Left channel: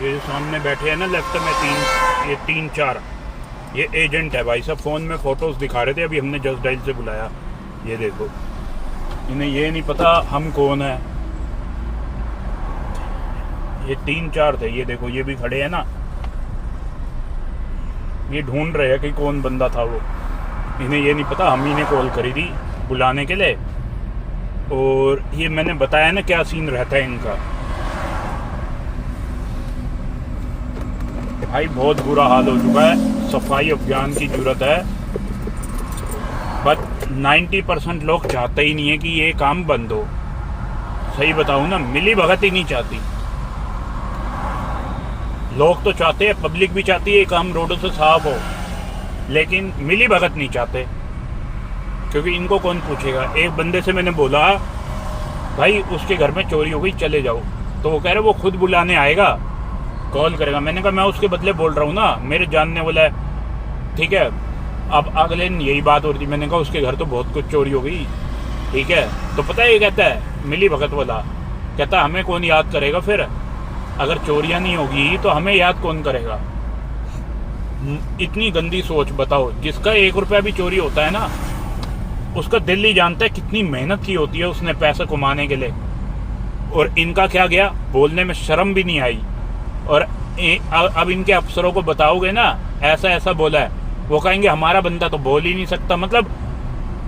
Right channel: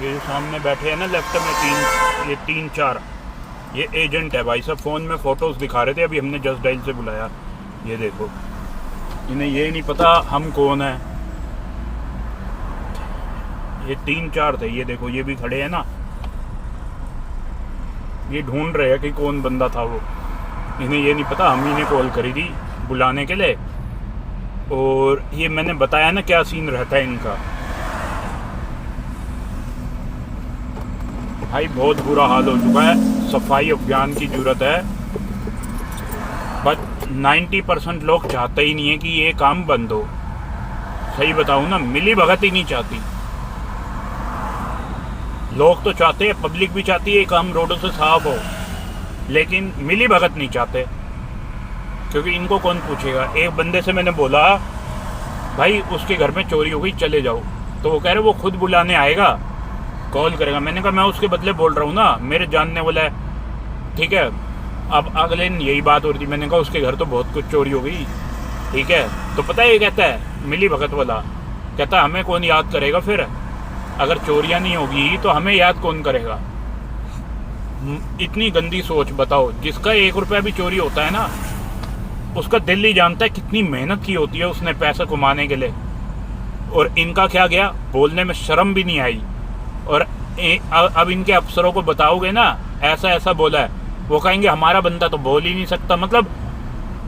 ये जो सामने बैठे हैं ना लेफ्ट में ये तीन चार ये एजेंट है भाई साहब। फ़ोन में फ़ोटोज़ दिखा रहे थे, अभी हमने जस्ट डायल से बुलाया। ये देखो, इन्हें ये नहीं पता हम कौन है। ये तीन चार थे, ये देखो ये भी खड़े हैं ना, ये ढूंढ रहे हैं कि कौन बंदा था वो। इन्हें ये नहीं पता हम ही ने कॉल करी थी बुलाने के लिए। और ये मैंने बताया ना क्या सीन रहता है इनका। भाई बहुत बुरा हाल हो चुका है, सफाई अभियान की जरूरत है। बट 90% लोग चाहते ही नहीं है कि ये काम बंद हो। सही बताऊं ना, मिली भगत ही नहीं चाहती। लोग तो चाहते हैं, पब्लिक भी चाहती है ये काम रोडों से साफ हो, लेकिन मिली भगत नहीं चाहते, क्योंकि इनको कौन पूछेगा। एक बंदे से मैंने बोला भाई उसके घर में चोरी हो गई चले जाओ, तो वो कह रहे वो खुद बुलाने आएगा, कॉल करेगा। मैंने कहा मैं उसके बदले बोल रहा हूँ ना, मेरे जानने वाला है, ठीक है। अब अगले दिन यही बात हो रही थी, मैंने कहा उसके घर तो बहुत कुछ चोरी हो गई, ठीक है। तो पता है ये कहता है मिली भगत वाला, कहता हमें कौन याद करेगा फिर, अगर चोरियां नहीं होगी तो हमें याद कौन करेगा। इतनी गंदी सोच बताओ। जिसका 1 रुपया भी चोरी होता है ना, उसका दिल ही जानता है कितनी मेहनत की होती है उसने पैसा कमाने के लिए। और इनका क्या गया, बोलने में शर्म भी नहीं आई। और अब इनके अफसरों को बताओगे ना ऐसा ऐसा बोला है, वो कहेंगे हमारा बंदा तो बोल ही नहीं सकता। मतलब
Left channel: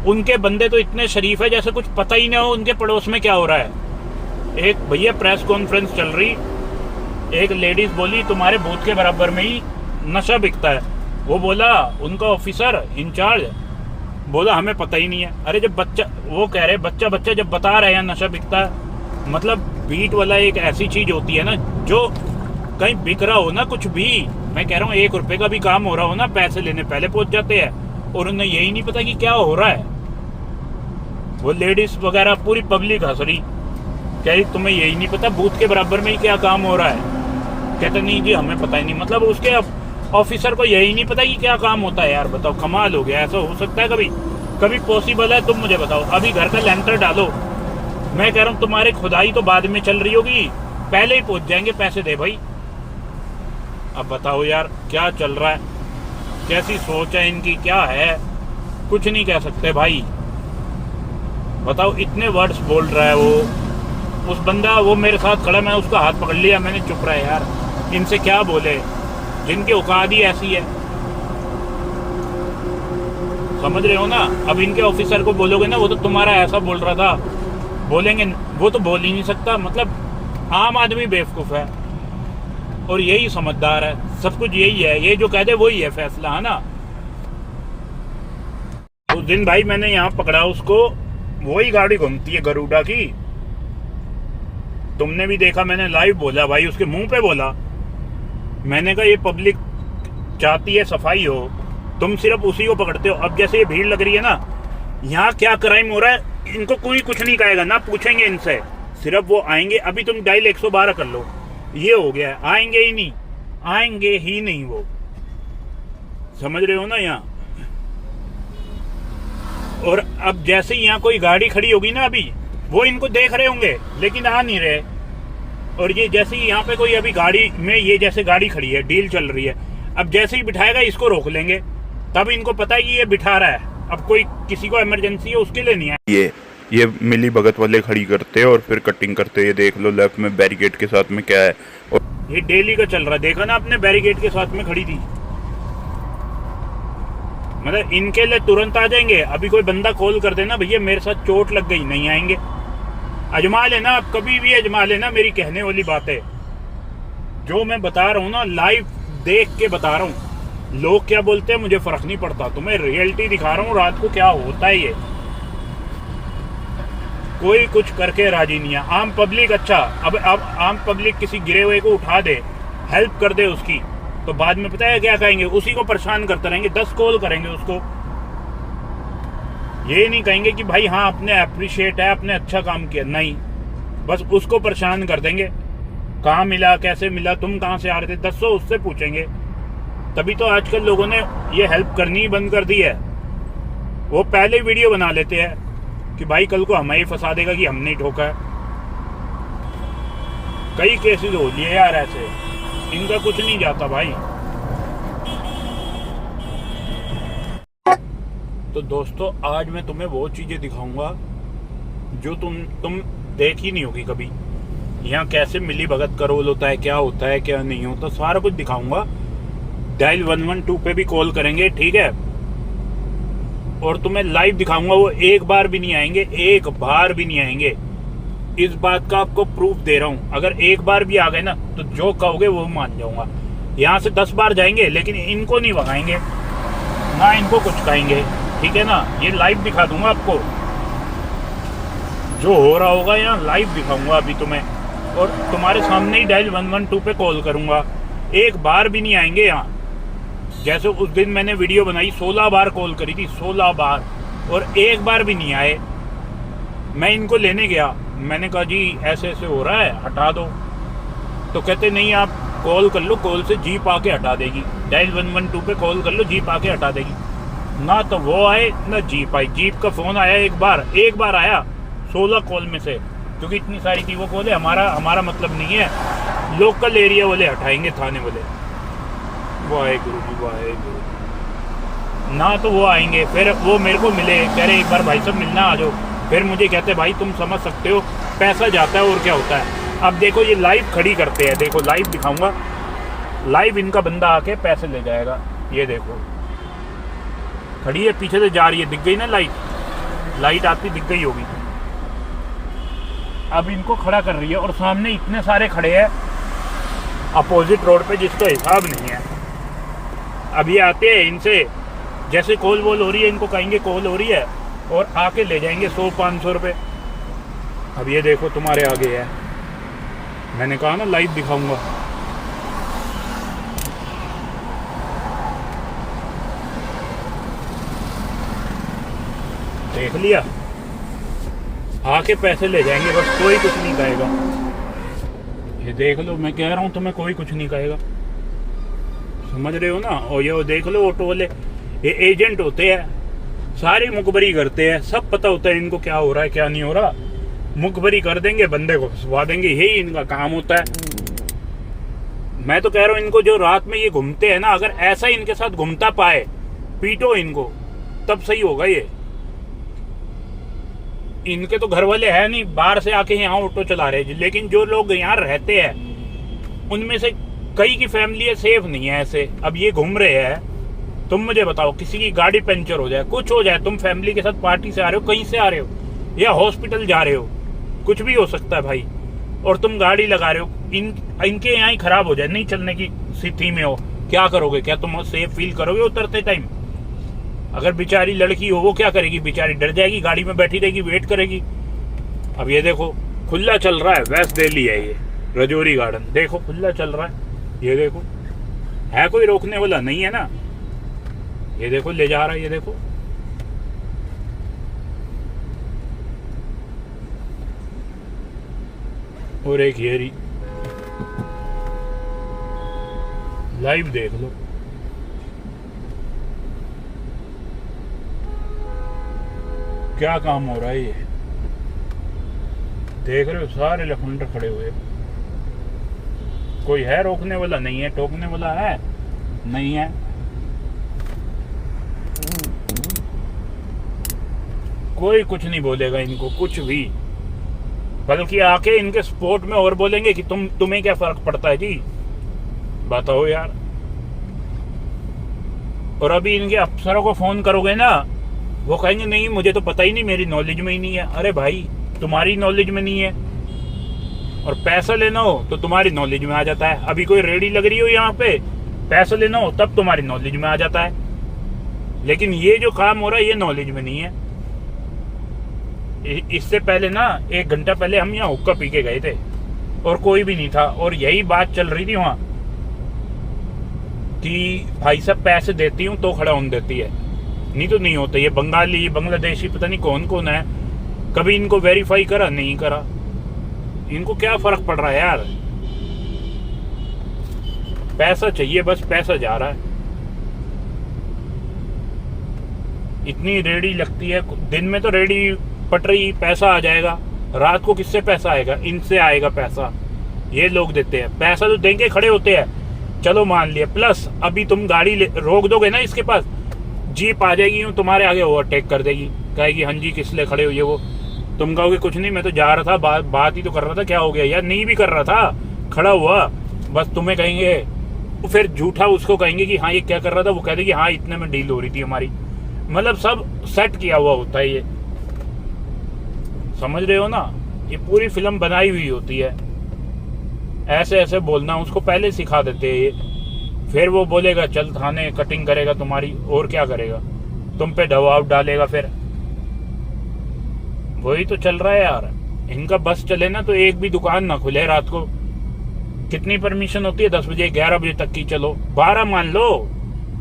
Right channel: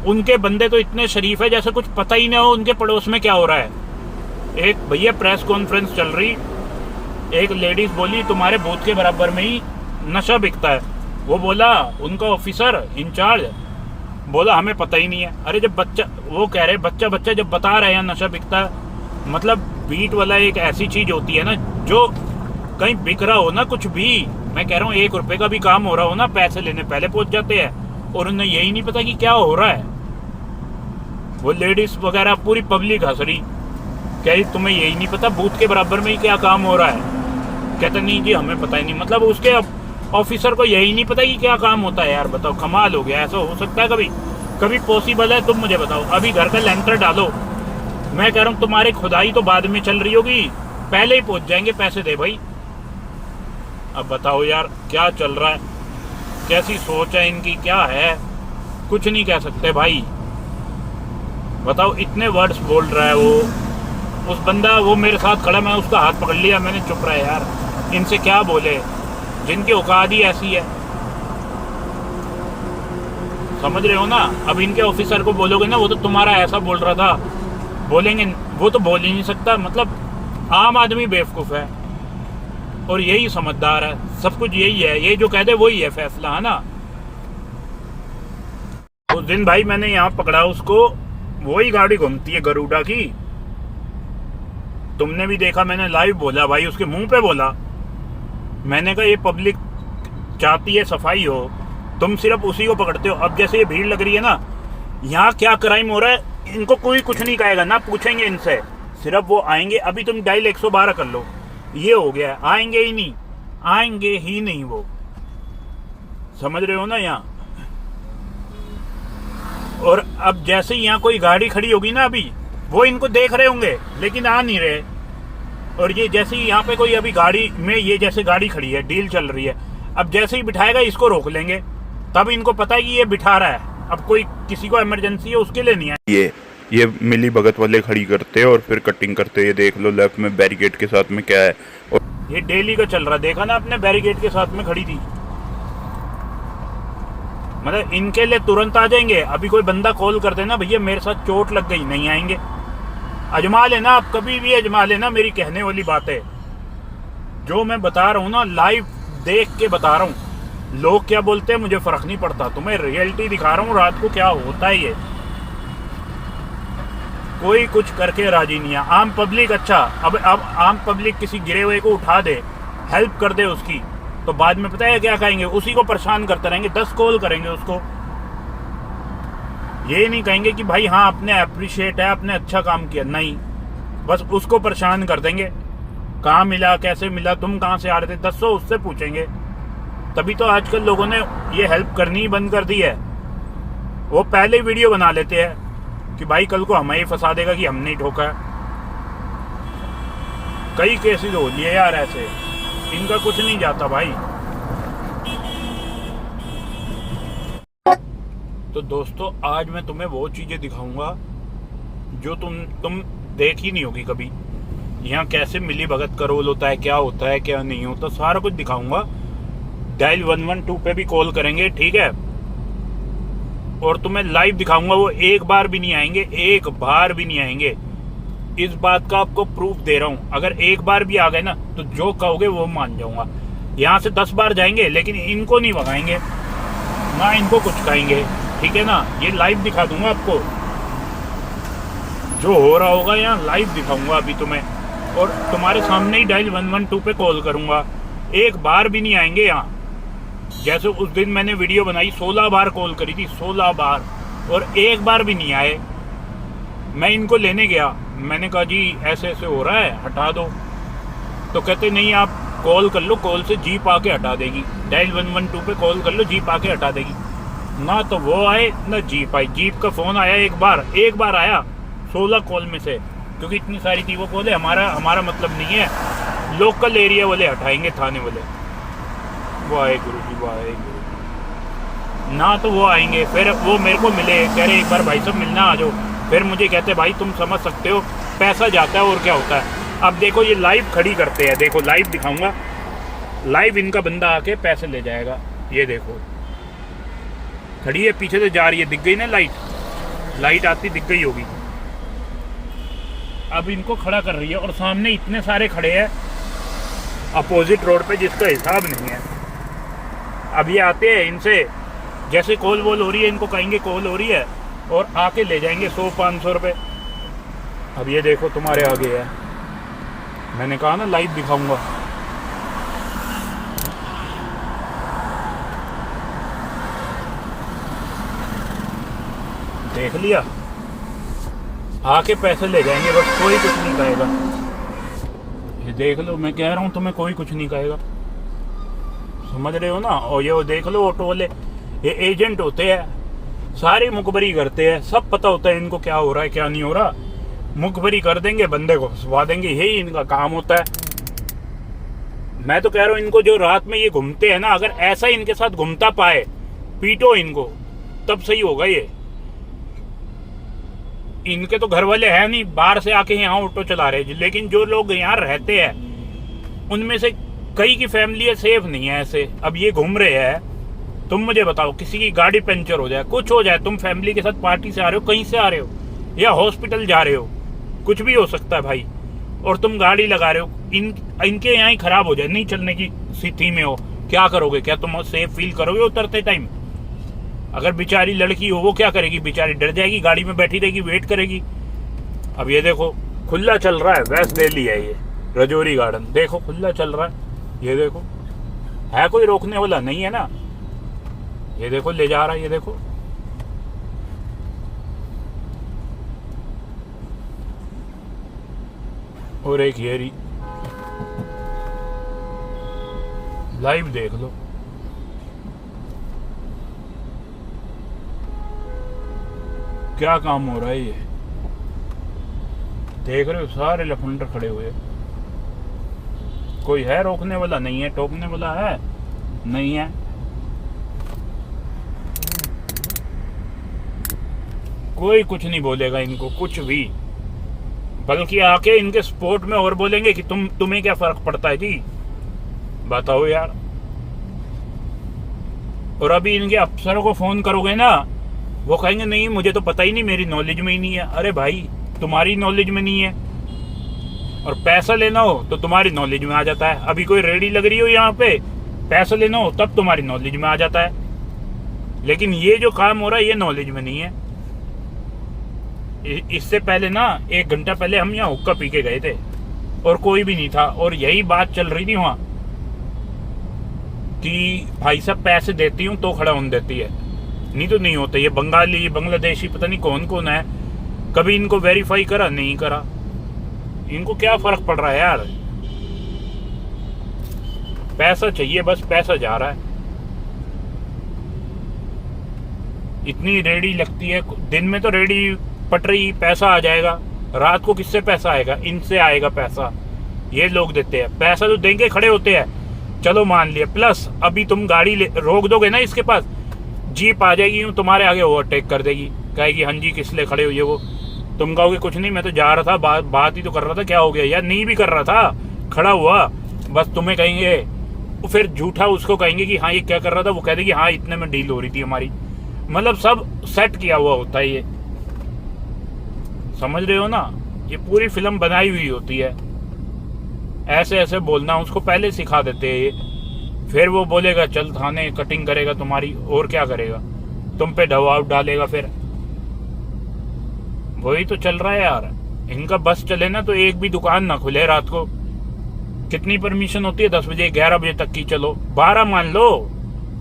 उनके बंदे तो इतने शरीफ है जैसे कुछ पता ही ना हो उनके पड़ोस में क्या हो रहा है। एक भैया प्रेस कॉन्फ्रेंस चल रही, एक लेडीज बोली तुम्हारे बूथ के बराबर में ही नशा बिकता है। वो बोला उनका ऑफिसर इंचार्ज बोला हमें पता ही नहीं है। अरे जब बच्चा, वो कह रहे बच्चा जब बता रहे हैं नशा बिकता है, मतलब बीट वाला एक ऐसी चीज होती है ना, जो कहीं बिक रहा हो ना कुछ भी, मैं कह रहा हूँ 1 रुपए का भी काम हो रहा हो ना, पैसे लेने पहले पहुंच जाते हैं। और उन्हें यही नहीं पता कि क्या हो रहा है। वो लेडीज वगैरह पूरी पब्लिक हंस रही, क्या तुम्हें यही नहीं पता बूथ के बराबर में ही क्या काम हो रहा है। कहता नहीं जी हमें पता ही नहीं। मतलब उसके ऑफिसर को यही नहीं पता कि क्या काम होता है। यार बताओ, कमाल हो गया। ऐसा हो सकता है कभी पॉसिबल है? तुम मुझे बताओ। अभी घर का लेंटर डालो, मैं कह रहा हूँ तुम्हारे खुदाई तो बाद में चल रही होगी, पहले ही पहुंच जाएंगे पैसे दे भाई। अब बताओ यार क्या चल रहा है, कैसी सोच है इनकी, क्या है, कुछ नहीं कह सकते भाई। बताओ इतने वर्ड्स बोल रहा है वो, उस बंदा वो मेरे साथ खड़ा, मैं उसका हाथ पकड़ लिया, मैंने चुप रहा यार। इनसे क्या बोले, जिनकी औकात ही ऐसी है, समझ रहे हो ना। अब इनके ऑफिसर को बोलोगे ना वो तो तुम्हारा ऐसा बोल रहा था, बोलेंगे वो तो बोल ही नहीं सकता। मतलब आम आदमी बेवकूफ है और यही समझदार है, सब कुछ यही है, ये जो कह दे वही है फैसला, है ना। उस दिन भाई मैंने यहाँ पकड़ा उसको, वही गाड़ी घूमती है गरुड़ा की, तुमने भी देखा, मैंने लाइव बोला भाई, उसके मुंह पे बोला। मैंने कहा ये पब्लिक चाहती है सफाई हो, तुम सिर्फ उसी को पकड़ते हो। अब जैसे ये भीड़ लग रही है ना, यहाँ क्या क्राइम हो रहा है इनको कोई कुछ नहीं कहेगा ना, पूछेंगे इनसे, सिर्फ वो आएंगे। अभी तुम डायल 112 कर लो, ये हो गया, आएंगे ही नहीं, आएंगे ही नहीं वो, समझ रहे हो ना यहाँ। और अब जैसे यहाँ कोई गाड़ी खड़ी होगी ना, अभी वो इनको देख रहे होंगे लेकिन आ नहीं रहे। और ये जैसे ही यहाँ पे कोई अभी गाड़ी में, ये जैसे गाड़ी खड़ी है, डील चल रही है, अब जैसे ही बिठाएगा इसको रोक लेंगे, तब इनको पता है कि ये बिठा रहा है। अब कोई किसी को इमरजेंसी है उसके लिए नहीं है। ये मिली भगत वाले खड़ी करते हैं और फिर कटिंग करते हैं। ये देख लो लेफ्ट में बैरिकेड के साथ में क्या है, और ये डेली का चल रहा है, देखा ना आपने, बैरिकेड के साथ में खड़ी थी। मतलब इनके लिए तुरंत आ जाएंगे। अभी कोई बंदा कॉल कर देना भैया मेरे साथ चोट लग गई, नहीं आएंगे। अजमा लेना, आप कभी भी अजमा लेना, मेरी कहने वाली बात है। जो मैं बता रहा हूँ ना, लाइव देख के बता रहा हूँ। लोग क्या बोलते हैं मुझे फर्क नहीं पड़ता, तुम्हें रियलिटी दिखा रहा हूँ रात को क्या होता है। ये कोई कुछ करके राजी नहीं है। आम पब्लिक, अच्छा अब आम पब्लिक किसी गिरे हुए को उठा दे, हेल्प कर दे उसकी, तो बाद में पता है क्या कहेंगे, उसी को परेशान करते रहेंगे, 10 कॉल करेंगे उसको। ये नहीं कहेंगे कि भाई हाँ आपने अप्रिशिएट है, आपने अच्छा काम किया, नहीं, बस उसको परेशान कर देंगे। कहाँ मिला, कैसे मिला, तुम कहाँ से आ रहे थे, 10 उससे पूछेंगे। तभी तो आजकल लोगों ने ये हेल्प करनी ही बंद कर दी है। वो पहले वीडियो बना लेते हैं कि भाई कल को हमें ही फंसा देगा कि हमने ही ठोका है। कई केसेस हो लिए यार ऐसे। इनका कुछ नहीं जाता भाई। तो दोस्तों आज मैं तुम्हें वो चीजें दिखाऊंगा जो तुम देख ही नहीं होगी कभी। यहाँ कैसे मिली भगत करोल होता है, क्या होता है क्या नहीं होता, सारा कुछ दिखाऊंगा। डायल 112 पे भी कॉल करेंगे, ठीक है, और तुम्हें लाइव दिखाऊंगा। वो एक बार भी नहीं आएंगे, एक बार भी नहीं आएंगे। इस बात का आपको प्रूफ दे रहा हूं। अगर एक बार भी आ गए ना तो जो कहोगे वो मान जाऊंगा। यहाँ से 10 बार जाएंगे लेकिन इनको नहीं भगाएंगे, ना इनको कुछ कहेंगे, ठीक है ना। ये लाइव दिखा दूंगा आपको, जो हो रहा होगा यहाँ लाइव दिखाऊंगा अभी तुम्हें, और तुम्हारे सामने ही डायल 112 पे कॉल करूंगा। एक बार भी नहीं आएंगे यहाँ। जैसे उस दिन मैंने वीडियो बनाई, 16 बार कॉल करी थी, 16 बार, और एक बार भी नहीं आए। मैं इनको लेने गया, मैंने कहा जी ऐसे ऐसे हो रहा है, हटा दो। तो कहते नहीं आप कॉल कर लो, कॉल से जीप आके हटा देगी। डायल 112 पे कॉल कर लो, जीप आके हटा देगी। ना तो वो आए ना जीप आई। जीप का फोन आया एक बार आया 16 कॉल में से, क्योंकि इतनी सारी थी वो कॉल। हमारा मतलब नहीं है, लोकल एरिया वाले हटाएंगे, थाने वाले। वाहे गुरु जी, वाहे गुरु। ना तो वो आएंगे, फिर वो मेरे को मिले, कह रहे एक बार भाई साहब मिलना आ जाओ। फिर मुझे कहते भाई तुम समझ सकते हो पैसा जाता है और क्या होता है। अब देखो ये लाइव खड़ी करते हैं, देखो लाइव दिखाऊंगा। लाइव इनका बंदा आके पैसे ले जाएगा। ये देखो खड़ी है, पीछे से जा रही है, दिख गई ना लाइट आती दिख गई होगी। अब इनको खड़ा कर रही है और सामने इतने सारे खड़े हैं अपोजिट रोड पे, जिसका हिसाब नहीं है। अब ये आते हैं, इनसे जैसे कॉल वॉल हो रही है इनको कहेंगे कॉल हो रही है, और आके ले जाएंगे 100-500 रुपये। अब ये देखो तुम्हारे आगे है, मैंने कहा ना लाइव दिखाऊंगा। देख लिया, आके पैसे ले जाएंगे, बस कोई कुछ नहीं कहेगा। ये देख लो, मैं कह रहा हूं तुम्हें, कोई कुछ नहीं कहेगा, समझ रहे हो ना। और ये देख लो ऑटो वाले, ये एजेंट होते हैं, सारी मुखबरी करते हैं, सब पता होता है इनको क्या हो रहा है क्या नहीं हो रहा। मुखबरी कर देंगे, बंदे को फंसवा देंगे, यही इनका काम होता है। मैं तो कह रहा हूं इनको, जो रात में ये घूमते हैं ना, अगर ऐसा इनके साथ घूमता पाए, पीटो इनको, तब सही होगा। ये इनके तो घर वाले हैं नहीं, बाहर से आके यहाँ ऑटो चला रहे हैं, लेकिन जो लोग यहाँ रहते हैं उनमें से कई की फैमिली सेफ नहीं है ऐसे। अब ये घूम रहे हैं, तुम मुझे बताओ, किसी की गाड़ी पंचर हो जाए, कुछ हो जाए, तुम फैमिली के साथ पार्टी से आ रहे हो, कहीं से आ रहे हो, या हॉस्पिटल जा रहे हो, कुछ भी हो सकता है भाई, और तुम गाड़ी लगा रहे हो, इनके यहाँ ही खराब हो जाए, नहीं चलने की स्थिति में हो, क्या करोगे? क्या तुम सेफ फील करोगे उतरते टाइम? अगर बेचारी लड़की हो, वो क्या करेगी? बेचारी डर जाएगी, गाड़ी में बैठी रहेगी, वेट करेगी। अब ये देखो खुला चल रहा है, वेस्ट दिल्ली है ये रजौरी गार्डन, देखो खुला चल रहा है। ये देखो, है कोई रोकने वाला नहीं है ना। ये देखो ले जा रहा है, ये देखो। और एक ये लाइव देख लो, क्या काम हो रहा है। ये देख रहे हो, सारे लफंडर खड़े हुए, कोई है रोकने वाला नहीं है, टोकने वाला है नहीं है। कोई कुछ नहीं बोलेगा इनको, कुछ भी, बल्कि आके इनके स्पोर्ट में और बोलेंगे कि तुम्हें क्या फर्क पड़ता है जी, बताओ यार। और अभी इनके अफसरों को फोन करोगे ना, वो कहेंगे नहीं मुझे तो पता ही नहीं, मेरी नॉलेज में ही नहीं है। अरे भाई तुम्हारी नॉलेज में नहीं है, और पैसा लेना हो तो तुम्हारी नॉलेज में आ जाता है। अभी कोई रेडी लग रही हो यहाँ पे, पैसा लेना हो तब तुम्हारी नॉलेज में आ जाता है, लेकिन ये जो काम हो रहा है ये नॉलेज में नहीं है। इससे पहले ना 1 घंटा पहले हम यहाँ हुक्का पी के गए थे और कोई भी नहीं था, और यही बात चल रही थी वहां कि भाई साहब पैसे देती हूँ तो खड़ा होने देती है, नहीं तो नहीं होता। ये बंगाली बांग्लादेशी पता नहीं कौन कौन है, कभी इनको वेरीफाई करा नहीं करा, इनको क्या फर्क पड़ रहा है यार। पैसा चाहिए, बस पैसा जा रहा है। इतनी रेडी लगती है, दिन में तो रेडी पट रही, पैसा आ जाएगा, रात को किससे पैसा आएगा? इनसे आएगा पैसा, ये लोग देते हैं पैसा, तो देंगे खड़े होते हैं। चलो मान लिया, प्लस अभी तुम गाड़ी रोक दोगे ना इसके पास, जीप आ जाएगी यूं तुम्हारे आगे ओवरटेक कर देगी, कहेगी हाँ जी किस लिए खड़े हो ये वो। तुम कहोगे कुछ नहीं, मैं तो जा रहा था, बात ही तो कर रहा था, क्या हो गया यार, नहीं भी कर रहा था, खड़ा हुआ, बस तुम्हें कहेंगे, फिर झूठा उसको कहेंगे कि हाँ ये क्या कर रहा था, वो कह देगी हाँ इतने में डील हो रही थी हमारी। मतलब सब सेट किया हुआ होता है ये, समझ रहे हो ना, ये पूरी फिल्म बनाई हुई होती है। ऐसे ऐसे बोलना उसको पहले सिखा देते हैं ये, फिर वो बोलेगा चल थाने, कटिंग करेगा तुम्हारी, और क्या करेगा, तुम पे दबाव डालेगा। फिर वही तो चल रहा है यार, इनका बस चले ना तो एक भी दुकान ना खुले रात को। कितनी परमिशन होती है, 10 बजे 11 बजे तक की, चलो 12 मान लो,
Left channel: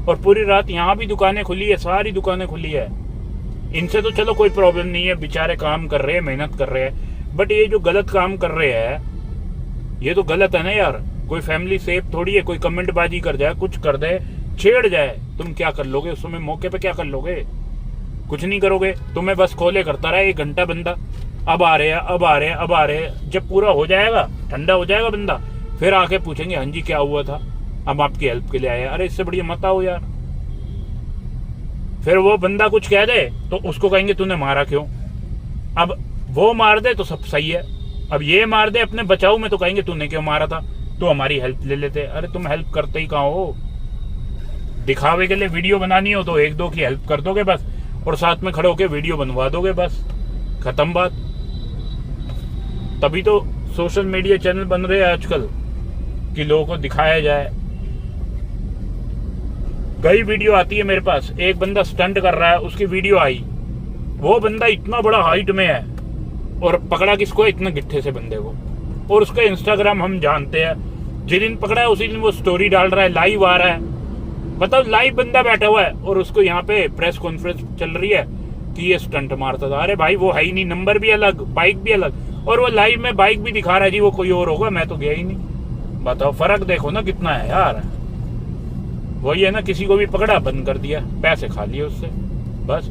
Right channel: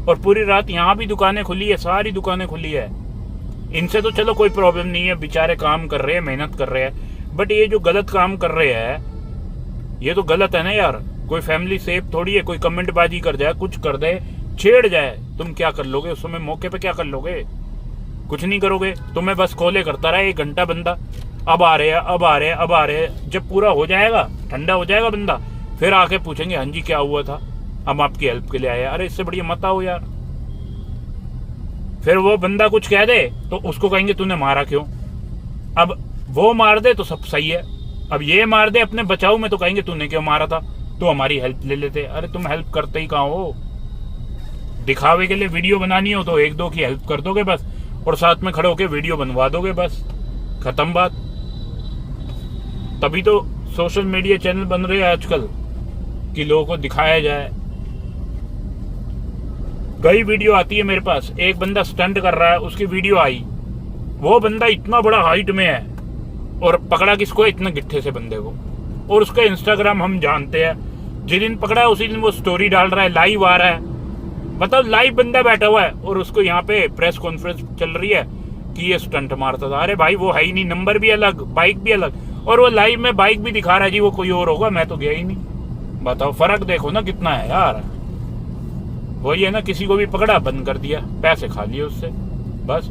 और पूरी रात यहाँ भी दुकानें खुली है, सारी दुकानें खुली है। इनसे तो चलो कोई प्रॉब्लम नहीं है, बेचारे काम कर रहे हैं, मेहनत कर रहे हैं, बट ये जो गलत काम कर रहे हैं ये तो गलत है ना यार। कोई फैमिली सेफ थोड़ी है, कोई कमेंट बाजी कर जाए, कुछ कर दे, छेड़ जाए, तुम क्या कर लोगे उस समय, मौके पे क्या कर लोगे, कुछ नहीं करोगे। तुम्हें बस खोले करता रहा 1 घंटा बंदा, अब आ रहे हैं, अब आ रहे हैं, अब आ रहे हैं। जब पूरा हो जाएगा, ठंडा हो जाएगा बंदा, फिर आके पूछेंगे हाँ जी क्या हुआ था, हम आपकी हेल्प के लिए आए। अरे इससे बढ़िया मत आओ यार। फिर वो बंदा कुछ कह दे तो उसको कहेंगे तूने मारा क्यों। अब वो मार दे तो सब सही है, अब ये मार दे अपने बचाव में तो कहेंगे तूने क्यों मारा था, तो हमारी हेल्प ले लेते। अरे तुम हेल्प करते ही कहाँ हो, दिखावे के लिए वीडियो बनानी हो तो 1-2 की हेल्प कर दोगे बस, और साथ में खड़े होके वीडियो बनवा दोगे, बस खत्म बात। तभी तो सोशल मीडिया चैनल बन रहे हैं आजकल कि लोगों को दिखाया जाए। कई वीडियो आती है मेरे पास, एक बंदा स्टंट कर रहा है, उसकी वीडियो आई, वो बंदा इतना बड़ा हाइट में है और पकड़ा किसको, इतने गिट्ठे से बंदे को, और उसका इंस्टाग्राम हम जानते हैं, जिस दिन पकड़ा है उसी दिन वो स्टोरी डाल रहा है, लाइव आ रहा है। मतलब लाइव बंदा बैठा हुआ है और उसको यहाँ पे प्रेस कॉन्फ्रेंस चल रही है कि ये स्टंट मारता था। अरे भाई वो है ही नहीं, नंबर भी अलग, बाइक भी अलग, और वो लाइव में बाइक भी दिखा रहा है जी वो कोई और होगा, मैं तो गया ही नहीं। बताओ फर्क देखो ना कितना है यार। वही है ना, किसी को भी पकड़ा, बंद कर दिया, पैसे खा लिए उससे, बस।